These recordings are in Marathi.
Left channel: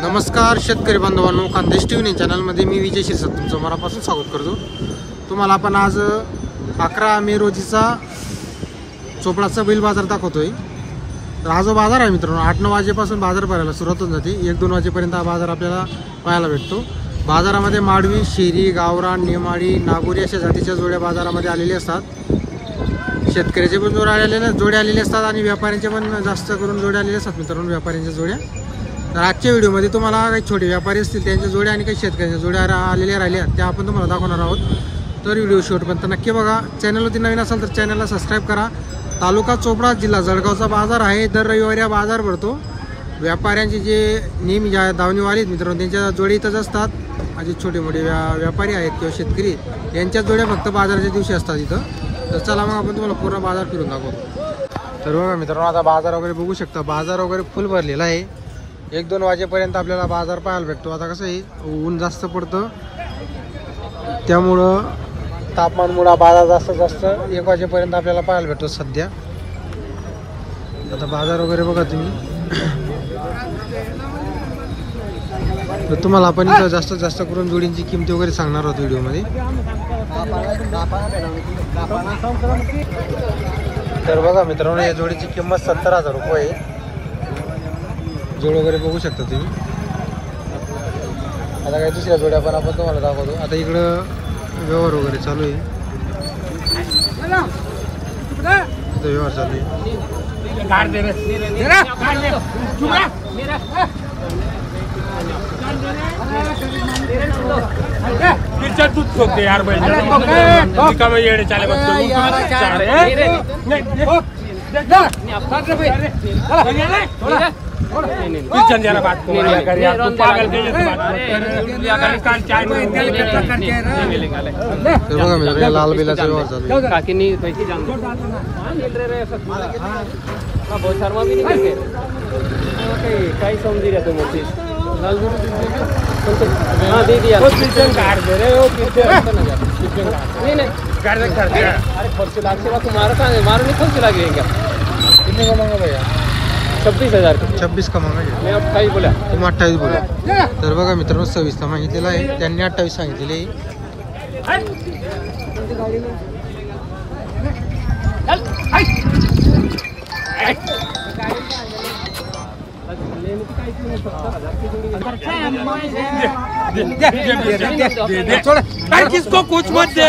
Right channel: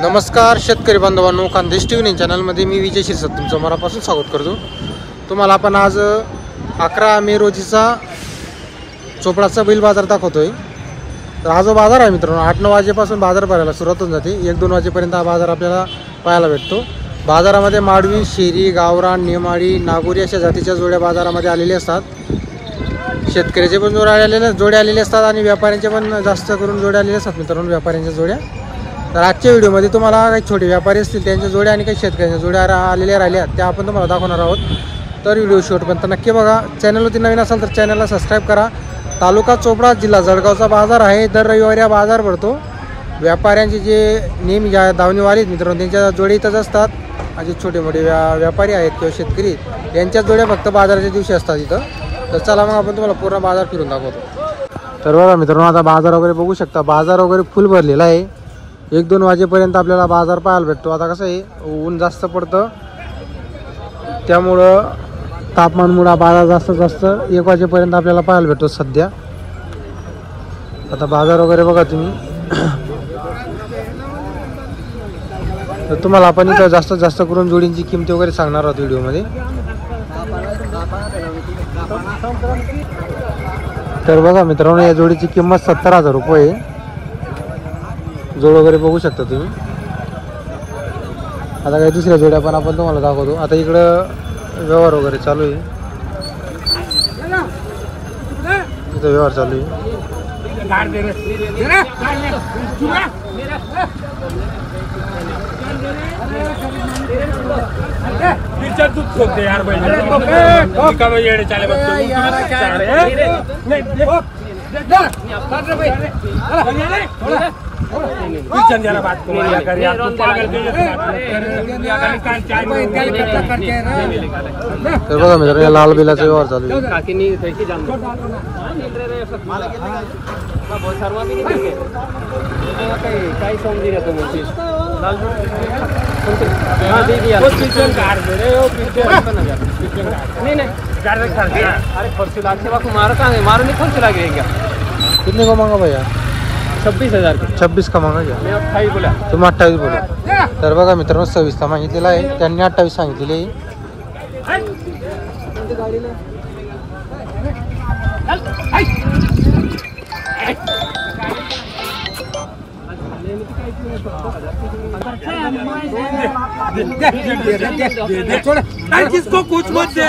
नमस्कार शेतकरी बांधवांनो, खानदेश टीव्ही चॅनलमध्ये मी विजय शिरसाट तुमचं मनापासून स्वागत करतो। तुम्हाला आपण आज 11 मे रोजीचा चोपडाचा बैल बाजार दाखवतोय। तर हा जो बाजार आहे मित्रांनो 8-9 वाजेपासून बाजार भरायला सुरुवात होऊन जाते। 1-2 वाजेपर्यंत हा बाजार आपल्याला पाहायला भेटतो। बाजारामध्ये माडवी, शेरी, गावरान, नेमाडी, नागोरी अशा जातीच्या जोड्या बाजारामध्ये आलेल्या असतात। शेतकऱ्याचे पण जोड्या आलेले असतात आणि व्यापाऱ्यांचे पण जास्त करून जोड्या आलेल्या असतात मित्रांनो, व्यापाऱ्यांच्या जोड्या। तर आजच्या व्हिडिओमध्ये तुम्हाला काही छोटे व्यापारी असतील त्यांच्या जोड्या आणि काही शेतकऱ्यांच्या जोड्या आलेल्या राहिल्या त्या आपण तुम्हाला दाखवणार आहोत। तर व्हिडिओ शेवटपर्यंत नक्की बघा। चॅनलवरती नवीन असाल तर चॅनलला सबस्क्राईब करा। तालुका चोपडा, जिल्हा जळगावचा बाजार आहे। दर रविवारी हा बाजार भरतो। व्यापाऱ्यांचे जे नेहमी धावणीवाले आहेत मित्रांनो त्यांच्या जोड्या इथंच असतात। जे छोटे मोठे व्यापारी आहेत किंवा शेतकरी यांच्या जोड्या फक्त बाजाराच्या दिवशी असतात इथं। तर चला मग आपण तुम्हाला पूर्ण बाजार फिरून दाखवतो। तर बघा मित्रांनो आता बाजार वगैरे बघू शकता, बाजार वगैरे फुल भरलेला आहे। 1-2 वाजेपर्यंत आपल्याला बाजार पाहायला भेटतो। आता कसं आहे ऊन जास्त पडतं त्यामुळं तापमानमुळे बाजार जास्त 1 वाजेपर्यंत आपल्याला पाहायला भेटतो सध्या। आता बाजार वगैरे बघा तुम्ही। तर तुम्हाला आपण इथं जास्त करून जोडींची किंमत वगैरे सांगणार आहोत व्हिडिओमध्ये। तर बघा मित्रांनो या जोडीची किंमत 70,000 रुपये आहे। जोड वगैरे बघू शकता तुम्ही। आता काही दुसऱ्या जोड्या पण आपण तुम्हाला दाखवतो। आता इकडं व्यवहार वगैरे चालू आहे, इथं व्यवहार चालू आहे। बघा मित्रांनो लाल बिलाचा व्यवहार चालू आहे। कितने को मांगा भैया? 26,000 26 का मांगा क्या? तुम्ही 28 बोले। तर बघा मित्रांनो 26 मागितलेला आहे, त्यांनी 28 सांगितलेले आहे। किसको कुछ मत दे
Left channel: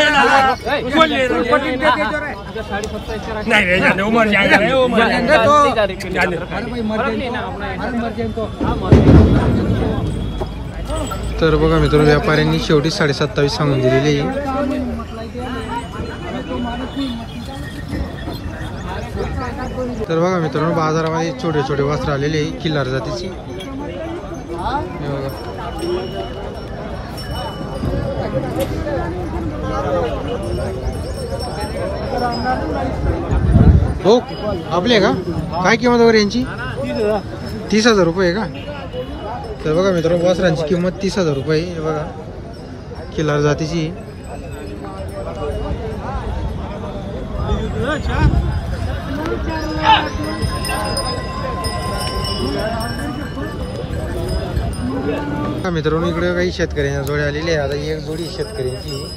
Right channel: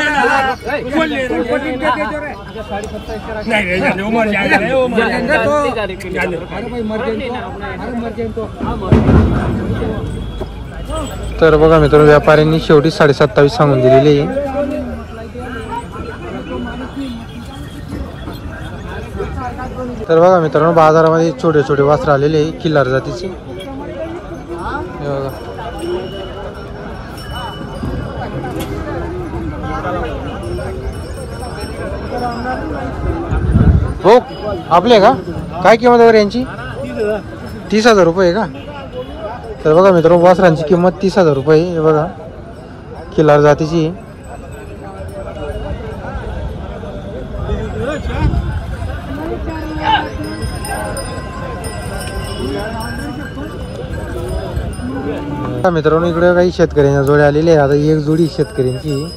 तर बघा मित्रांनो व्यापाऱ्यांनी शेवटी 27.5 सांगून दिलेली आहे। तर बघा मित्रांनो बाजारामध्ये छोटे छोटे वासरं आलेले आहे किल्लार जातीची। हो आपले का काय किंमत वगैरे यांची? 30,000 रुपये का? तर बघा मित्रांनो वासरांची किंमत 30,000 रुपये हे बघा, किल्लार जातीची। मित्रांनो इकडे काही शेतकऱ्यांच्या जोड्या आलेल्या आहे। आता एक जोडी शेतकऱ्यांची,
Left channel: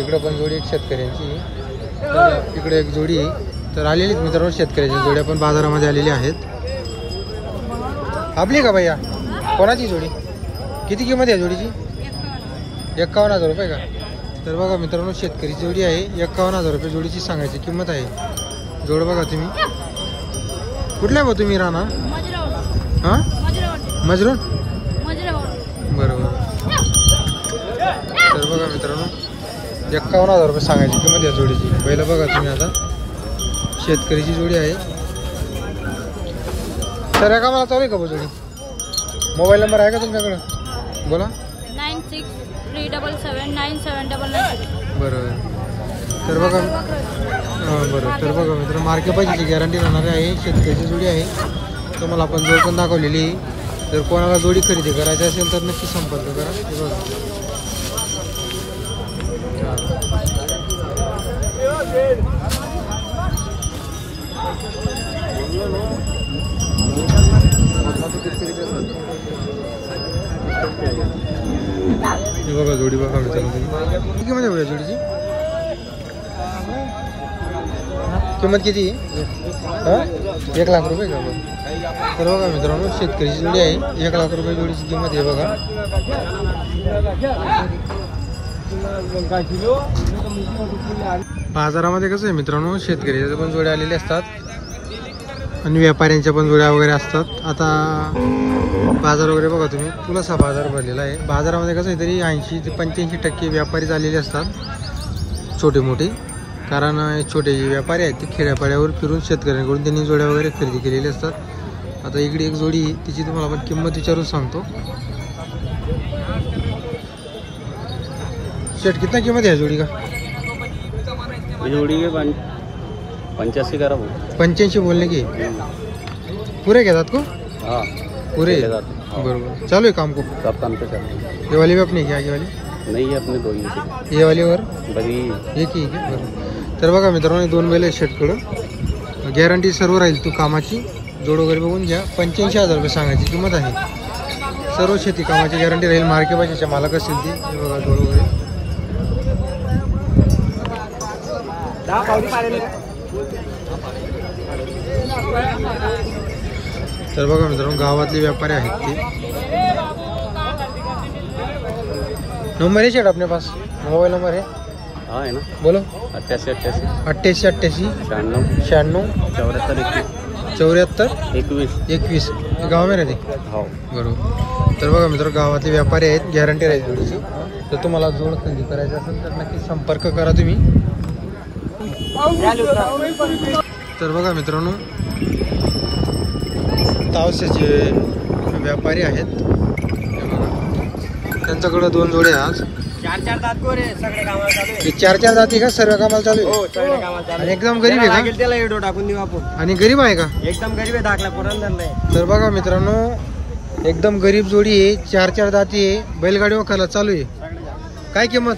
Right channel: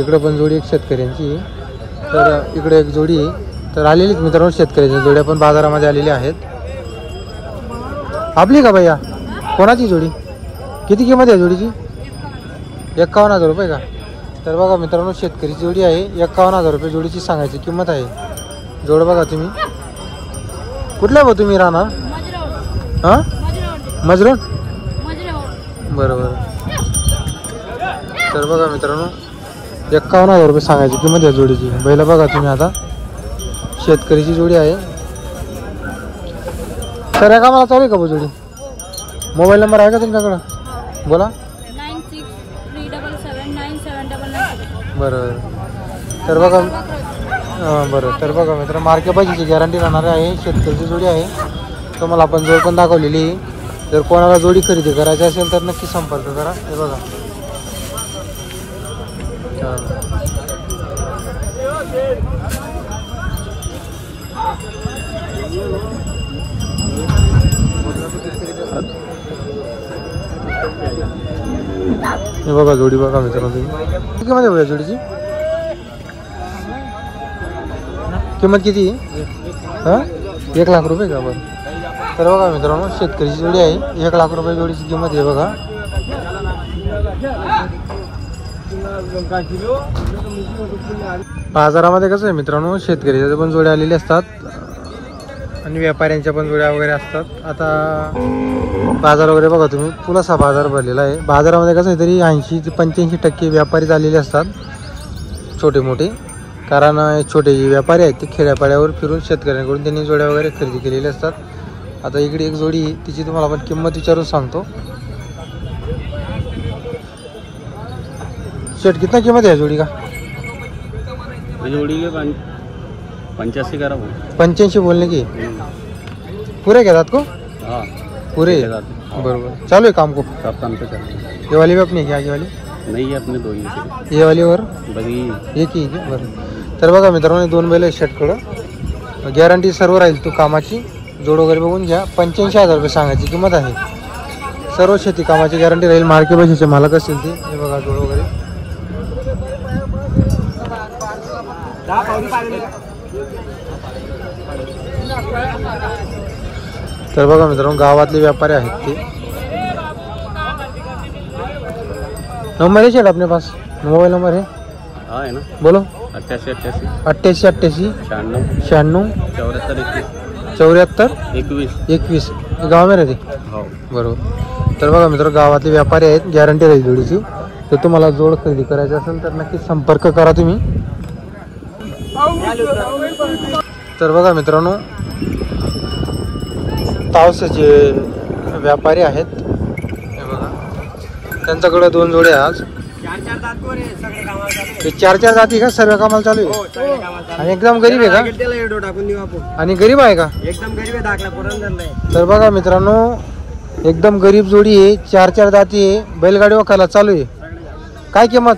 इकडे पण जोडी एक शेतकऱ्यांची, तर इकडे एक जोडी आहे। तर आलेलीच मित्रांनो शेतकऱ्यांच्या जोड्या पण बाजारामध्ये आलेल्या आहेत। आपली का भैया? कोणाची जोडी? किती किंमत आहे जोडीची? 51,000 रुपये का? तर बघा मित्रांनो शेतकरीची जोडी आहे, 51,000 रुपये जोडीची सांगायची किंमत आहे। जोड बघा तुम्ही। कुठल्या भाऊ तुम्ही राहणार? हां मजरून बरोबर। तर बघा मित्रांनो 51,000 रुपये सांगायची किंमत आहे जोडीची। बैला बघा तुम्ही। आता शेतकरीची जोडी आहे। तर का मला चालू आहे का जोडी? मोबाईल नंबर आहे का तुमच्याकडं? बोला। 9637797996 बरोबर। तर बघा बरं। तर बघा मित्र मार्के पाहिजेची गॅरंटी राहणार आहे। शेतकरीची जोडी आहे, तुम्हाला आपण जोड पण दाखवलेली आहे। जर कोणाला जोडी खरेदी करायची असेल तर नक्की संपर्क करा। हे बघा हे बघा जोडी बघा मित्रांनो तुम्ही. किती किंमत आहे भैया जोडीची? किंमत किती? 1 लाख रुपये का? बरं. तर बघा मित्रांनो शेतकरीची जोडी आहे. 1 लाख रुपये जोडीची किंमत आहे बघा. बाजारामध्ये कसं आहे मित्रांनो, शेतकऱ्याच्या पण जोड्या आलेल्या असतात आणि व्यापाऱ्यांच्या पण जोड्या वगैरे असतात. आता बाजार वगैरे बघा तुम्ही, पुलासा बाजार भरलेला आहे. बाजारामध्ये कसं आहे तरी 80 ते 85% व्यापारी झालेले असतात, छोटे मोठे. कारण छोटे जे व्यापारी आहेत ते खेड्यापाड्यावर फिरून शेतकऱ्यांकडून त्यांनी जोड्या वगैरे खरेदी केलेले असतात. आता इकडे एक जोडी, तिची तुम्हाला आपण किंमत विचारून सांगतो. शेट कितना किंमत है जोड़ी का? जोड़ी के 85 करा 85 बोलने की पूरे के साथ को? हाँ पूरे बरोबर. चालू है काम को? सब काम पे चल. ये वाली भी अपनी क्या? ये वाली नहीं है अपने दो ही. ये वाली और बघी एक ही आहे बरं. तर बघा मित्रांनो 2 बैल आहेत शेटकडं. गॅरंटी सर्व राहील तू कामाची. जोड वगैरे बघून घ्या. 85,000 रुपये सांगायची किंमत आहे. सर्व शेती कामाची गॅरंटी राहील. मार्के बशीचे मालक असतील ते. हे बघा जोड वगैरे. तर बघा मित्रांनो गावातले व्यापारी आहेत ते. नंबर है शेट अपने पास? मोबाइल नंबर है? हाँ है ना. बोलो. 88 88 88 96 96 74 74 21. 21 गाव में रहते. हो बरोबर. तर बघा मित्रांनो गावातले व्यापारी आहेत. गॅरंटी राहील जोडीची. तर तुम्हाला जोड खरेदी करायची असेल तर नक्की संपर्क करा तुम्ही. तर बघा मित्रांनो तावसेचे व्यापारी आहेत. हे बघा त्यांच्याकडे 2 जोडे आज. 4 दात कोरे सगळे कामाला चालू आहे. ते 4 जाती का? सर्व कामाला चालू आहे. हो सगळे कामाला चालू. आणि एकदम गरीब आहे का? त्याला एडो टाकून देऊ आपण. आणि गरीब आहे का? एकदम गरीब आहे. दाखला पुरण नाही. तर बघा मित्रांनो एकदम गरीब जोडी आहे. 4 जाती आहे. बैलगाडी वखायला चालू आहे. काय किंमत?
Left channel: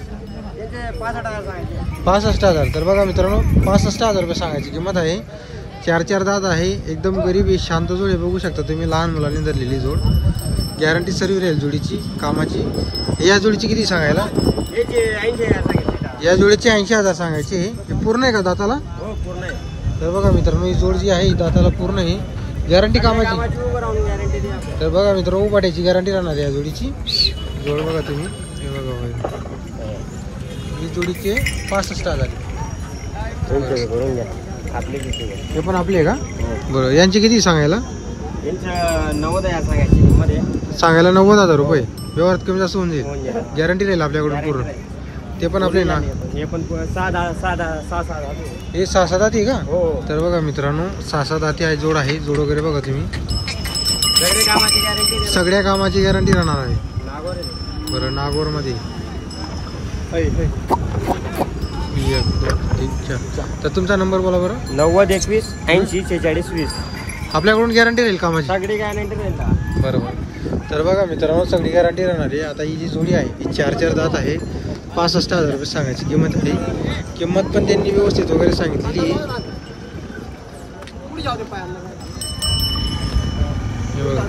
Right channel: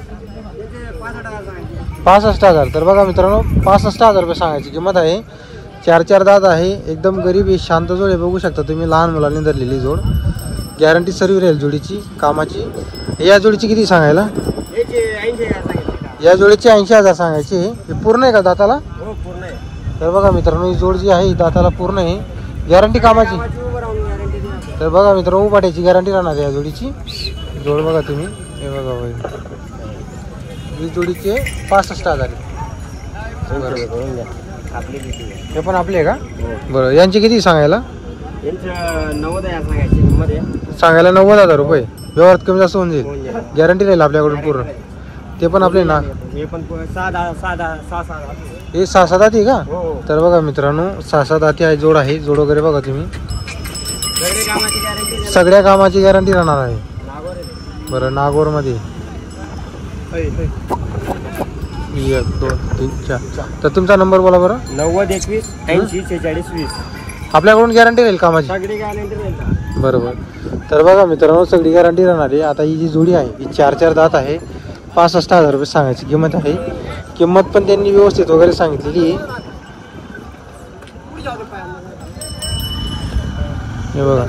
65,000. तर बघा मित्रांनो 65,000 रुपये सांगायची किंमत आहे. 4 दात आहे. एकदम गरीब आहे. शांत जोड आहे. बघू शकता तुम्ही. लहान मुलांनी धरलेली जोड. गॅरंटी सर्व राहील जोडीची कामाची. या जोडीची किती सांगायला? या जोडीची 80,000 सांगायची. हे पूर्ण आहे का दाताला? हो पूर्ण आहे. तर बघा मित्रांनो ही जोड जी आहे ही दाताला पूर्ण आहे. गॅरंटी कामाची. तर बघा मित्रांनो उभाट्याची गॅरंटी राहणार आहे या जोडीची. जोड बघा तुम्ही. हे बघा भाई ही जोडीचे 65,000. हे पण आपले आहे का? बरं. यांची किती सांगायला? 90,000 सांगायची किंमत आहे. सांगायला 90,000 रुपये. व्यवहारात कमी जास्त होऊन जाईल. गॅरंटी राहील आपल्याकडून पूर्ण. ते पण आपले ना. हे पण 6 हे 6 दाती का? तर बघा मित्रांनो 6 दाती आहे. जोड आहे. जोड वगैरे बघा तुम्ही. सगळ्या कामाची गॅरंटी राहणार आहे. बरं नागोर मध्ये 1 2 3 4. तर तुमचा नंबर बोला बरं. 90 21 80 46 20. आपल्याकडून गॅरंटी राहील कामाची. सगळी गॅरंटी राहील. बरोबर. तर बघा मित्रांनो सगळी गॅरंटी राहणार आहे. आता ही जी जोडी आहे ही 4 दात आहे. 65,000 रुपये सांगायची किंमत आहे. किंमत पण त्यांनी व्यवस्थित वगैरे सांगितलेली आहे. हे बघा